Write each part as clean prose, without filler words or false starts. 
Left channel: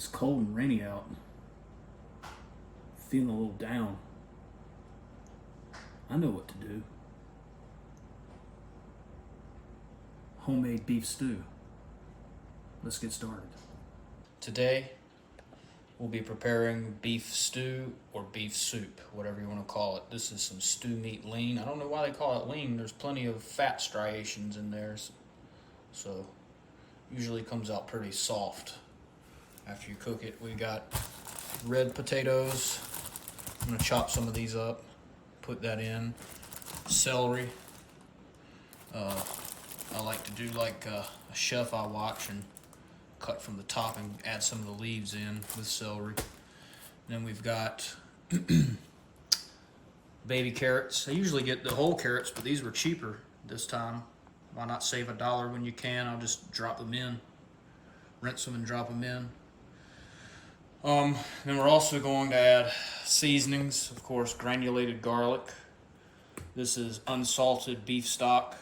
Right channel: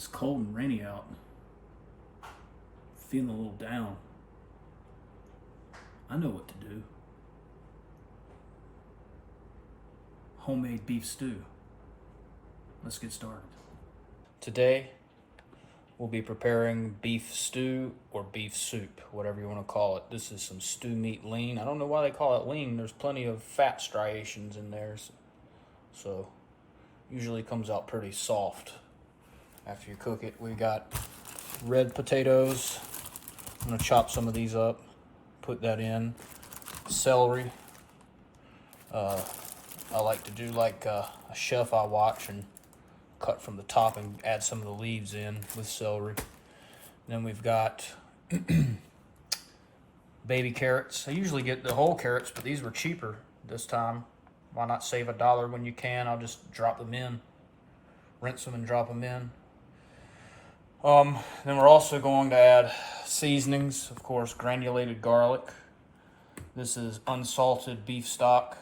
It's cold and rainy out. Feeling a little down. I know what to do. Homemade beef stew. Let's get started. Today, we'll be preparing beef stew or beef soup, whatever you want to call it. This is some stew meat lean. I don't know why they call it lean. There's plenty of fat striations in there, so usually comes out pretty soft after you cook it. We got red potatoes. I'm gonna chop some of these up, put that in. Celery. I like to do like a chef I watch and cut from the top and add some of the leaves in with celery. And then we've got baby carrots. I usually get the whole carrots, but these were cheaper this time. Why not save $1 when you can? I'll just drop them in, rinse them and drop them in. Then we're also going to add seasonings, of course, granulated garlic. This is unsalted beef stock.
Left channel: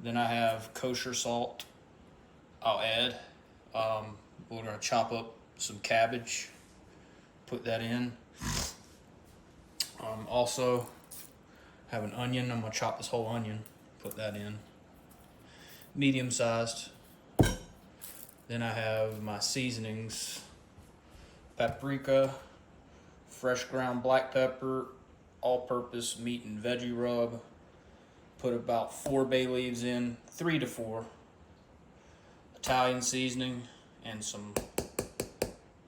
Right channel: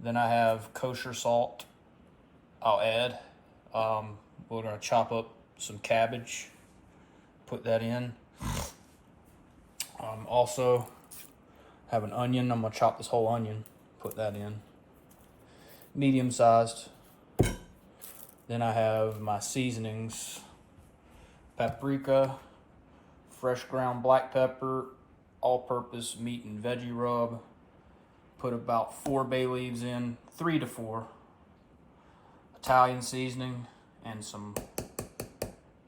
Then I have kosher salt I'll add. We're going to chop up some cabbage, put that in. Also have an onion. I'm going to chop this whole onion, put that in. Medium sized. Then I have my seasonings. Paprika, fresh ground black pepper, all-purpose meat and veggie rub. Put about 4 bay leaves in, 3 to 4. Italian seasoning and some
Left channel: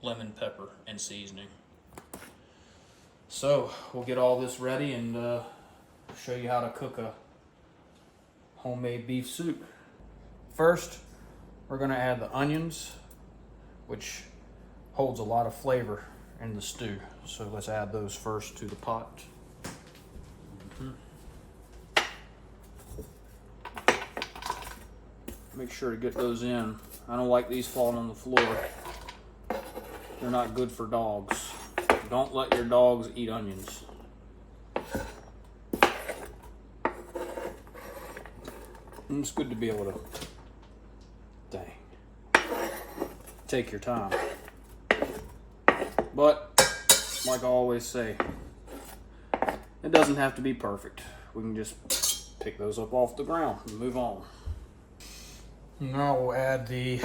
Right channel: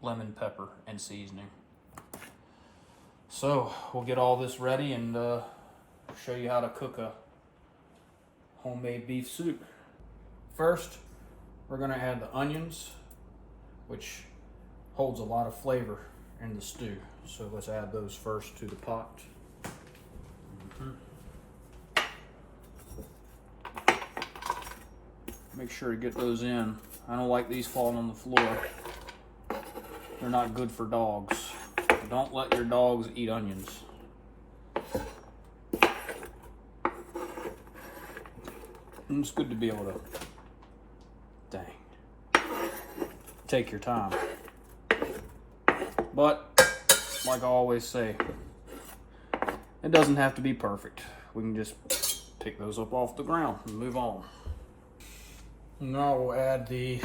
lemon pepper and seasoning. So we'll get all this ready and show you how to cook a homemade beef soup. First, we're going to add the onions, which holds a lot of flavor in the stew. So let's add those first to the pot. Make sure to get those in. I don't like these falling on the floor. They're not good for dogs. Don't let your dogs eat onions. And it's good to be able to, take your time. But, like I always say, it doesn't have to be perfect. We can just pick those up off the ground and move on. Now we'll add the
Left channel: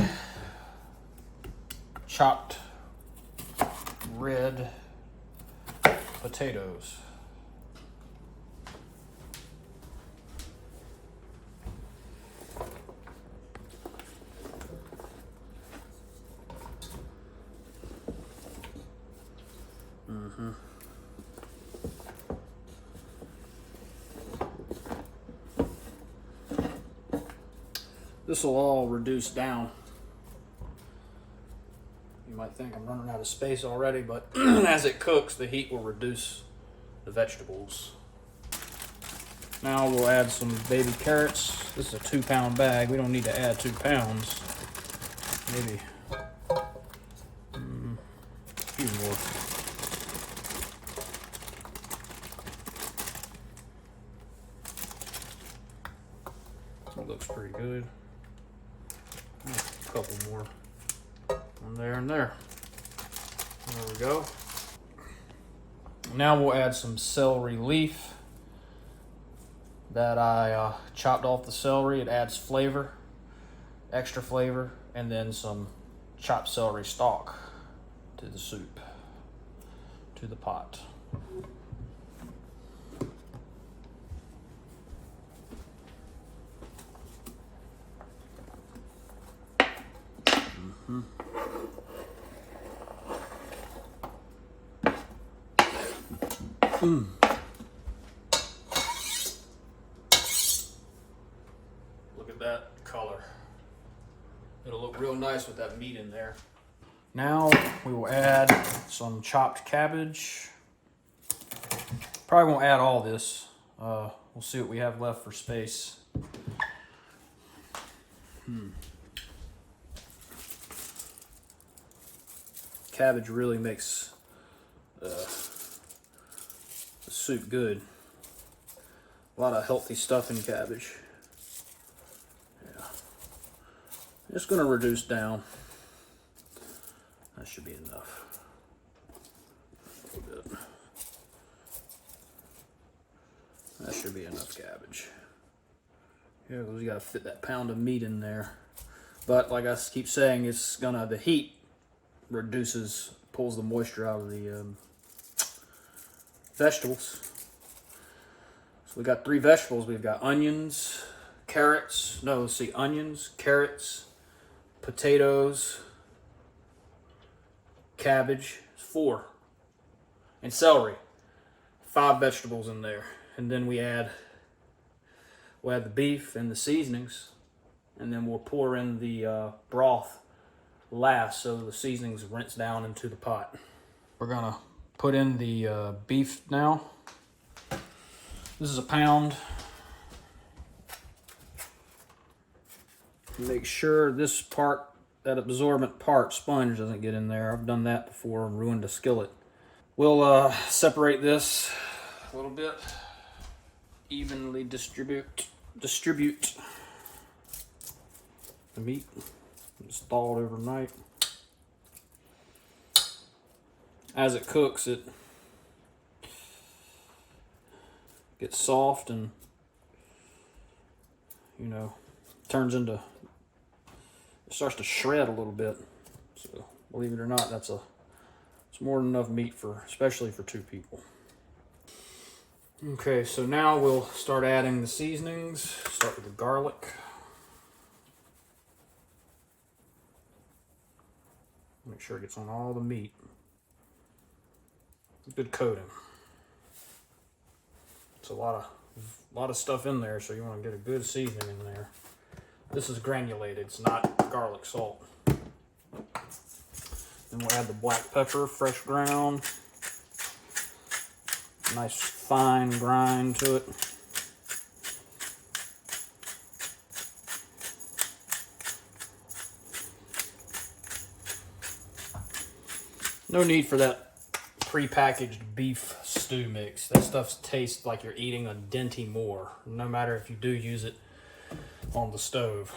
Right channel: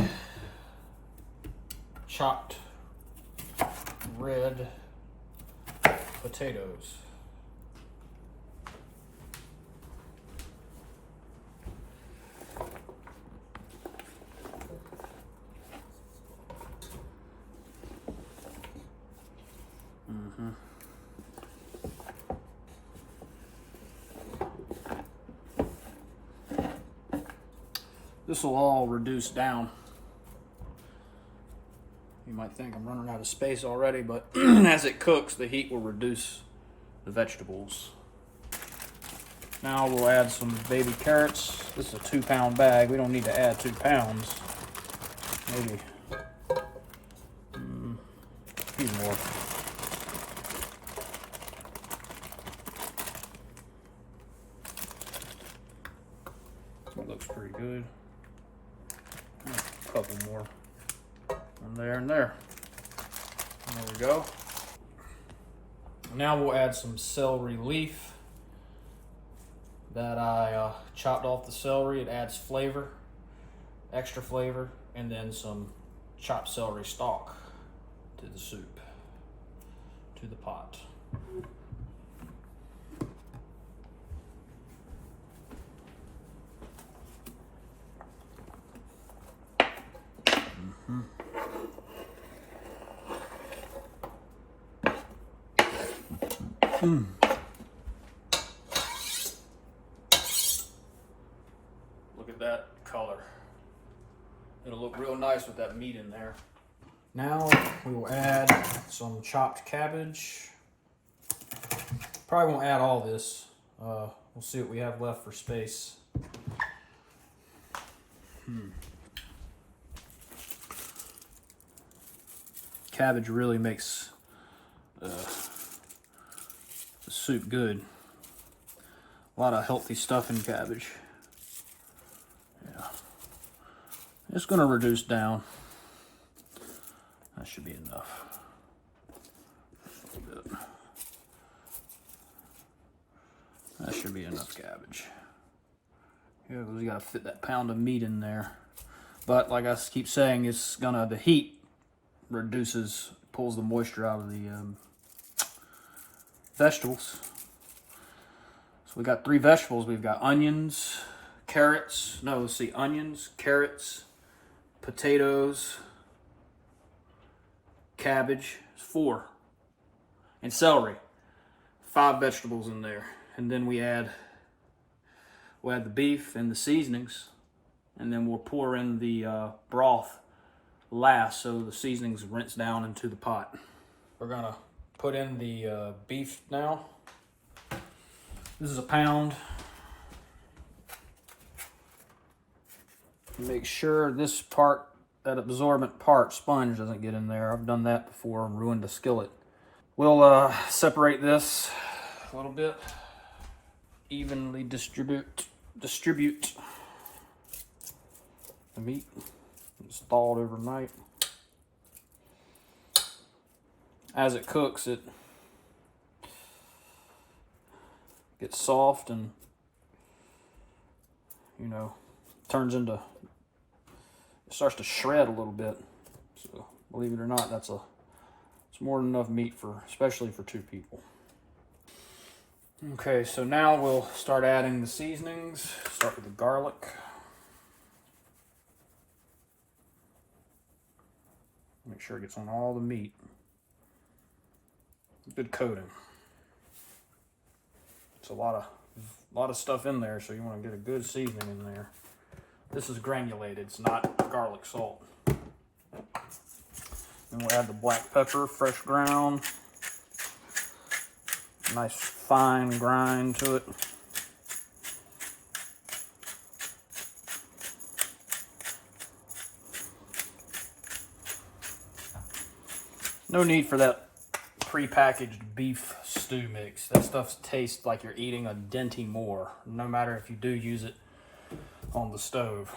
chopped red potatoes. This will all reduce down. You might think I'm running out of space already, but as it cooks, the heat will reduce the vegetables. Now we'll add some baby carrots. This is a 2-pound bag. We don't need to add 2 pounds. Maybe a few more. That looks pretty good. A couple more. And there and there. There we go. Now we'll add some celery leaf that I chopped off the celery. It adds flavor, extra flavor, and then some chopped celery stalk to the soup, to the pot. Look at that color. It'll look real nice with that meat in there. Now we will add some chopped cabbage. Probably won't add all this. We'll see what we have left for space. Cabbage really makes the soup good. A lot of healthy stuff in cabbage. Yeah. I'm just going to reduce down. That should be enough. A little bit. That should be enough cabbage. Yeah, because you gotta fit that pound of meat in there. But like I keep saying, it's gonna, the heat pulls the moisture out of the vegetables. So we got 3 vegetables. We've got onions, carrots. No, let's see, onions, carrots, potatoes, cabbage. 4, and celery. 5 vegetables in there, and then we'll add the beef and the seasonings, and then we'll pour in the broth last, so the seasonings rinse down into the pot. We're gonna put in the beef now. This is a pound. Make sure this part, that absorbent part, sponge, doesn't get in there. I've done that before and ruined a skillet. We'll separate this a little bit, evenly distribute the meat. It's thawed overnight. As it cooks, it gets soft and, you know, turns into, it starts to shred a little bit. So believe it or not, it's more than enough meat for, especially for 2 people. Okay, so now we'll start adding the seasonings. Start with the garlic. Make sure it gets on all the meat. Good coating. It's a lot of stuff in there, so you want to get a good seasoning in there. This is granulated, it's not garlic salt. Then we'll add the black pepper, fresh ground. Nice fine grind to it. No need for that pre-packaged beef stew mix. That stuff tastes like you're eating a Dinty Moore, no matter if you do use it on the stove.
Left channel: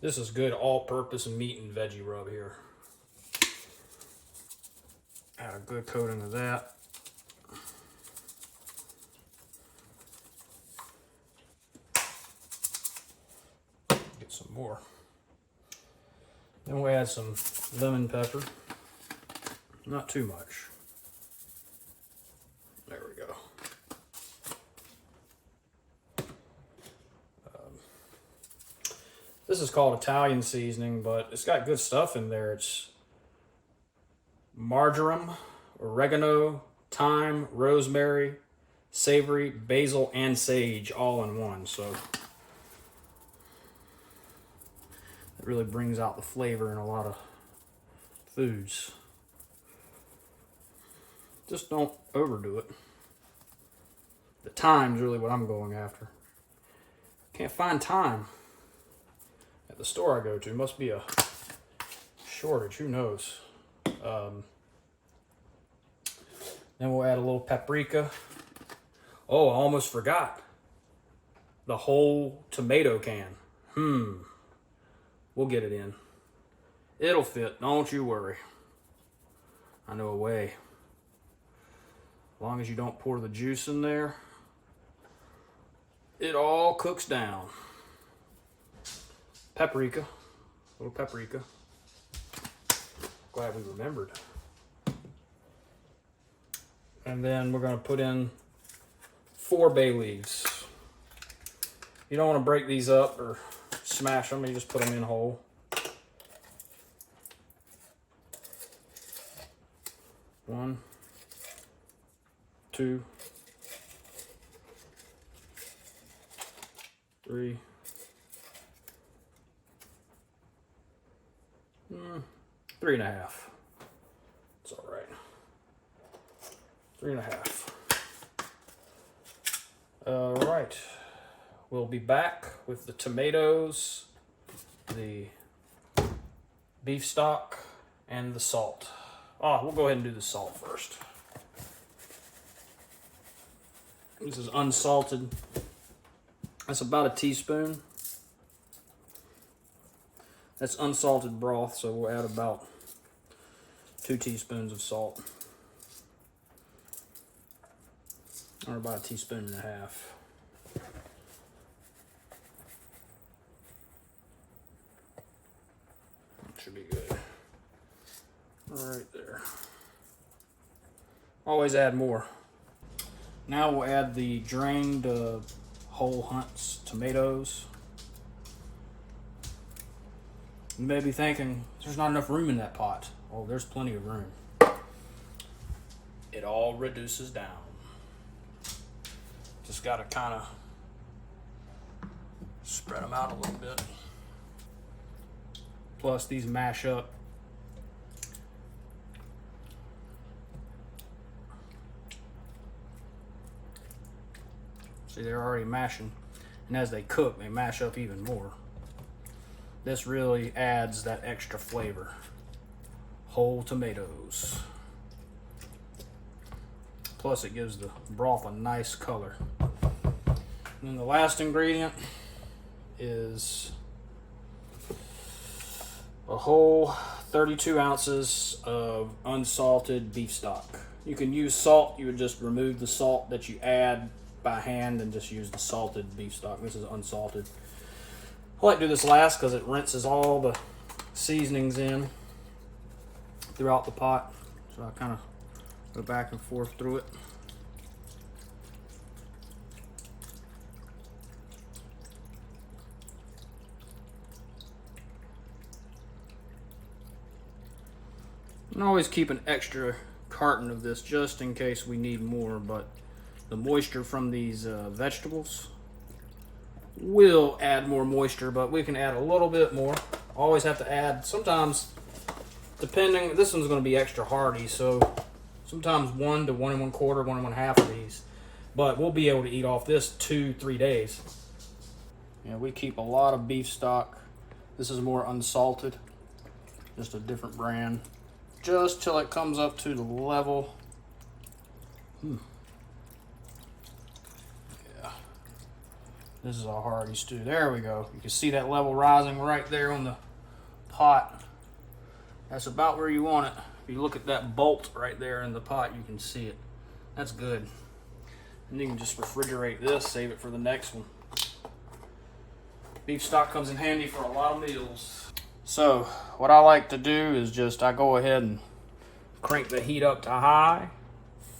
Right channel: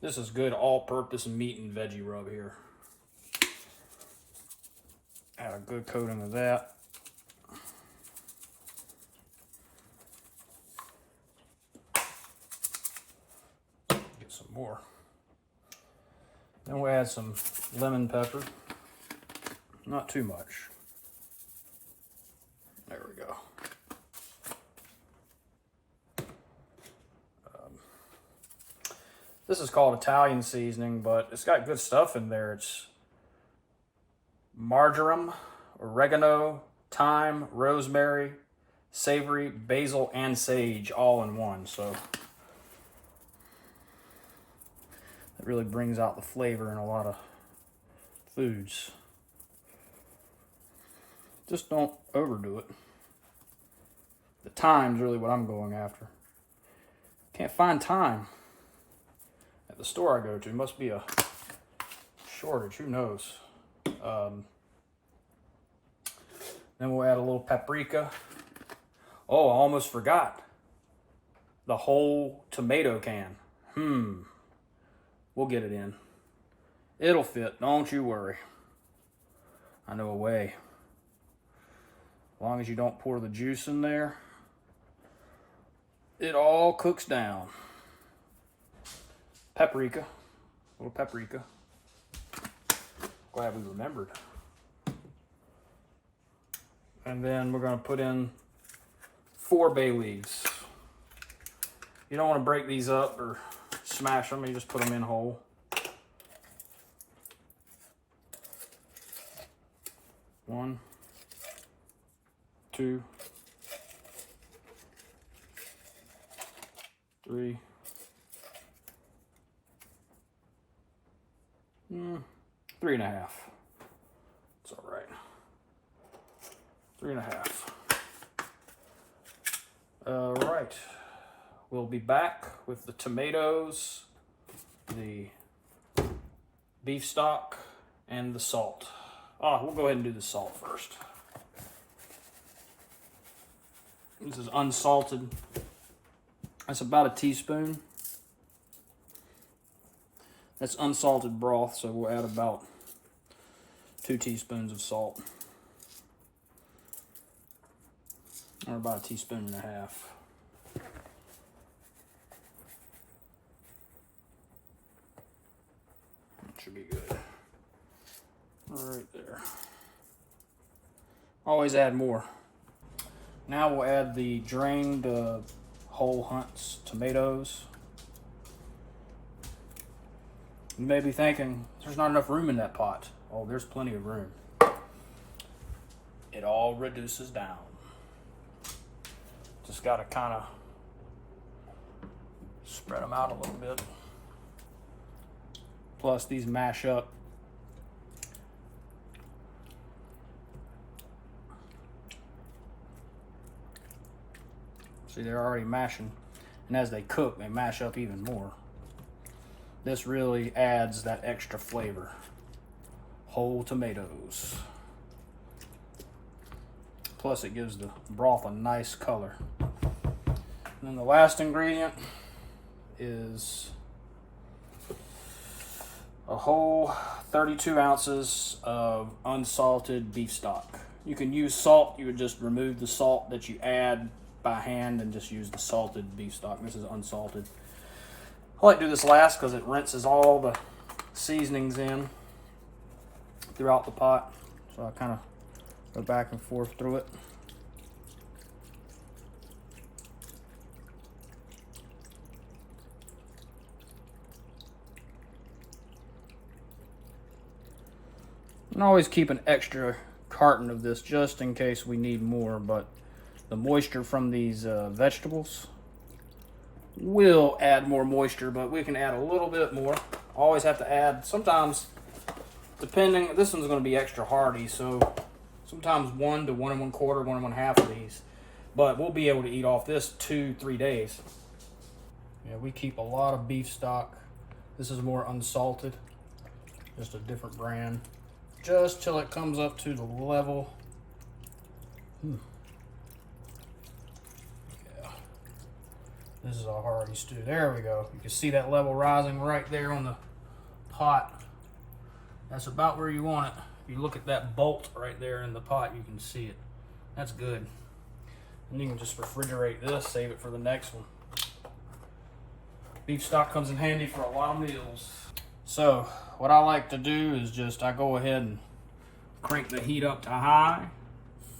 This is good all-purpose meat and veggie rub here. Add a good coating of that. Get some more. Then we'll add some lemon pepper. Not too much. There we go. This is called Italian seasoning, but it's got good stuff in there. It's marjoram, oregano, thyme, rosemary, savory, basil, and sage all in one. So it really brings out the flavor in a lot of foods. Just don't overdo it. The thyme's really what I'm going after. Can't find thyme at the store I go to. Must be a shortage, who knows. Then we'll add a little paprika. Oh, I almost forgot. The whole tomato can. We'll get it in. It'll fit, don't you worry. I know a way. As long as you don't pour the juice in there, it all cooks down. Paprika, a little paprika. Glad we remembered. And then we're gonna put in 4 bay leaves. You don't wanna break these up or smash them, you just put them in whole. One, 2, 3, 3.5. It's all right. 3.5. All right. We'll be back with the tomatoes, the beef stock, and the salt. We'll go ahead and do the salt first. This is unsalted. That's about a teaspoon. That's unsalted broth, so we'll add about 2 teaspoons of salt. Or about 1.5 teaspoons. That should be good. Right there. Always add more. Now we'll add the drained whole Hunt's tomatoes. You may be thinking, there's not enough room in that pot. Oh, there's plenty of room. It all reduces down. Just gotta kind of spread them out a little bit. Plus these mash up. See, they're already mashing. And as they cook, they mash up even more. This really adds that extra flavor. Whole tomatoes. Plus it gives the broth a nice color. And then the last ingredient is a whole 32 ounces of unsalted beef stock. You can use salt. You would just remove the salt that you add by hand and just use the salted beef stock. This is unsalted. I like to do this last because it rinses all the seasonings in throughout the pot. So I kind of go back and forth through it. And always keep an extra carton of this just in case we need more, but the moisture from these vegetables will add more moisture, but we can add a little bit more. Always have to add, sometimes, depending, this one's going to be extra hardy, so sometimes 1 to 1 1/4, 1 1/2 of these. But we'll be able to eat off this 2-3 days. Yeah, we keep a lot of beef stock. This is more unsalted, just a different brand. Just till it comes up to the level. This is a hearty stew. There we go. You can see that level rising right there on the pot. That's about where you want it. If you look at that bolt right there in the pot, you can see it. That's good. And you can just refrigerate this, save it for the next one. Beef stock comes in handy for a lot of meals. So what I like to do is just, I go ahead and crank the heat up to high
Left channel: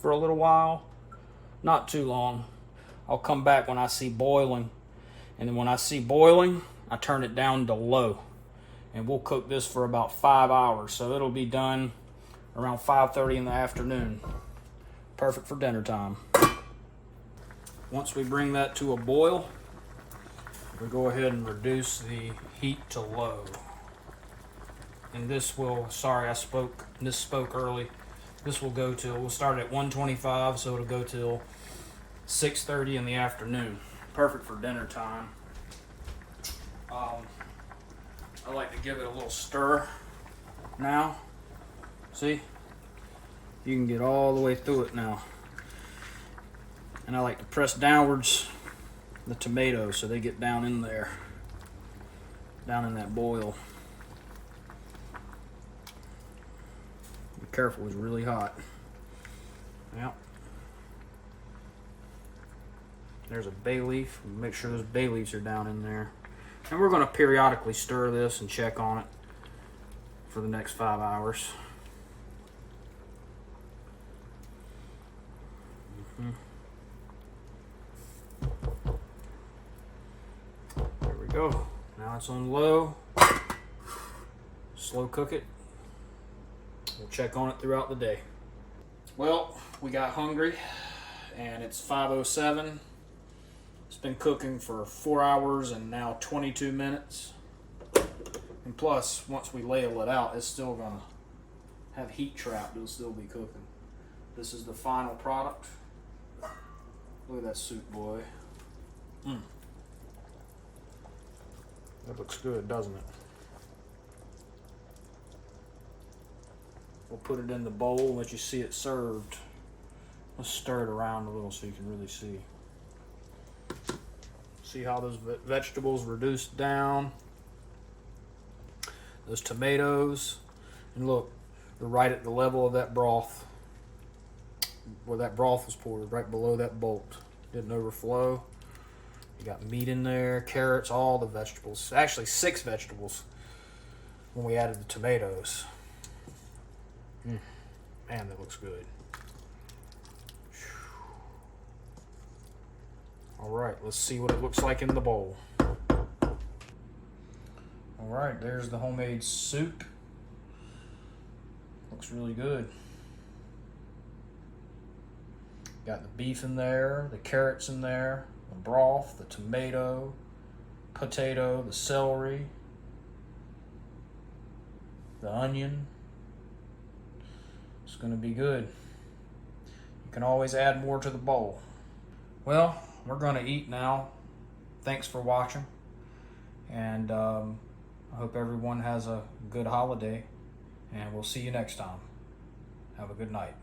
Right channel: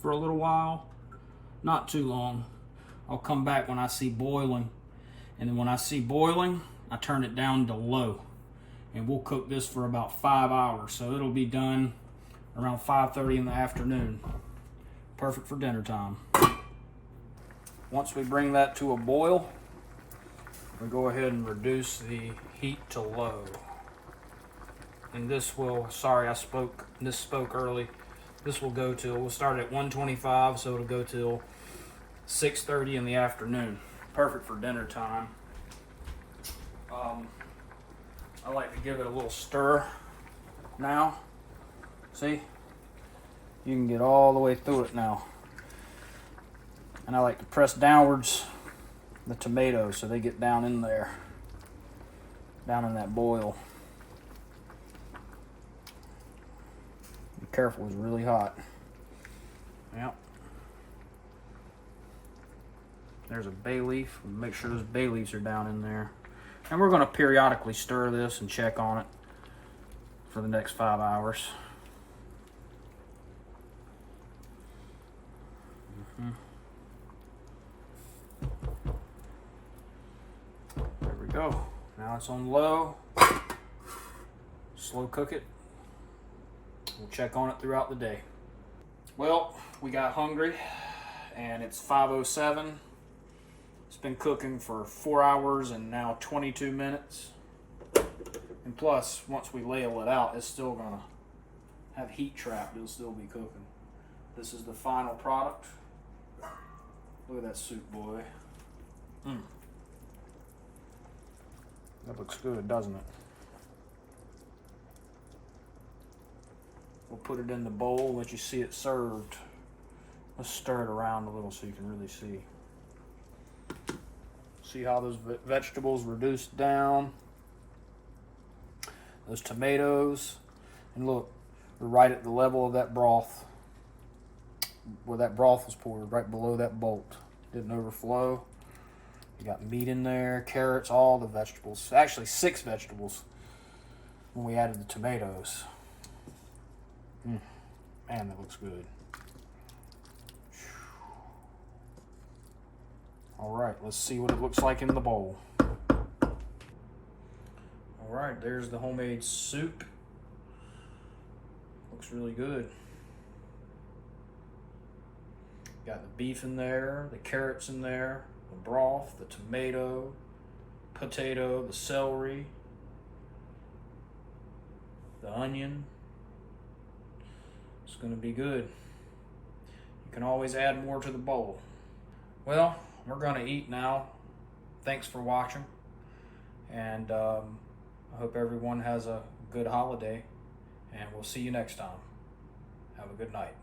for a little while. Not too long. I'll come back when I see boiling. And then when I see boiling, I turn it down to low. And we'll cook this for about 5 hours. So it'll be done around 5:30 in the afternoon. Perfect for dinner time. Once we bring that to a boil, we go ahead and reduce the heat to low. And this will, sorry I misspoke early. This will go till, we'll start at 125, so it'll go till 6:30 in the afternoon. Perfect for dinner time. I like to give it a little stir now. See? You can get all the way through it now. And I like to press downwards the tomatoes so they get down in there. Down in that boil. Be careful, it's really hot. Yep. There's a bay leaf. Make sure those bay leaves are down in there. And we're going to periodically stir this and check on it for the next 5 hours. There we go. Now it's on low. Slow cook it. We'll check on it throughout the day. Well, we got hungry and it's 5:07. It's been cooking for 4 hours and now 22 minutes. And plus, once we ladle it out, it's still gonna have heat trapped. It'll still be cooking. This is the final product. Look at that soup, boy. That looks good, doesn't it? We'll put it in the bowl and let you see it served. Let's stir it around a little so you can really see. See how those vegetables reduced down. those tomatoes, and look, they're right at the level of that broth, where that broth was poured, right below that bolt. Didn't overflow. You got meat in there, carrots, all the vegetables. Actually, 6 vegetables when we added the tomatoes. Man, that looks good. All right, let's see what it looks like in the bowl. All right, there's the homemade soup. Looks really good. Got the beef in there, the carrots in there, the broth, the tomato, potato, the celery, the onion. It's going to be good. You can always add more to the bowl. Well, we're going to eat now. Thanks for watching, and I hope everyone has a good holiday, and we'll see you next time. Have a good night.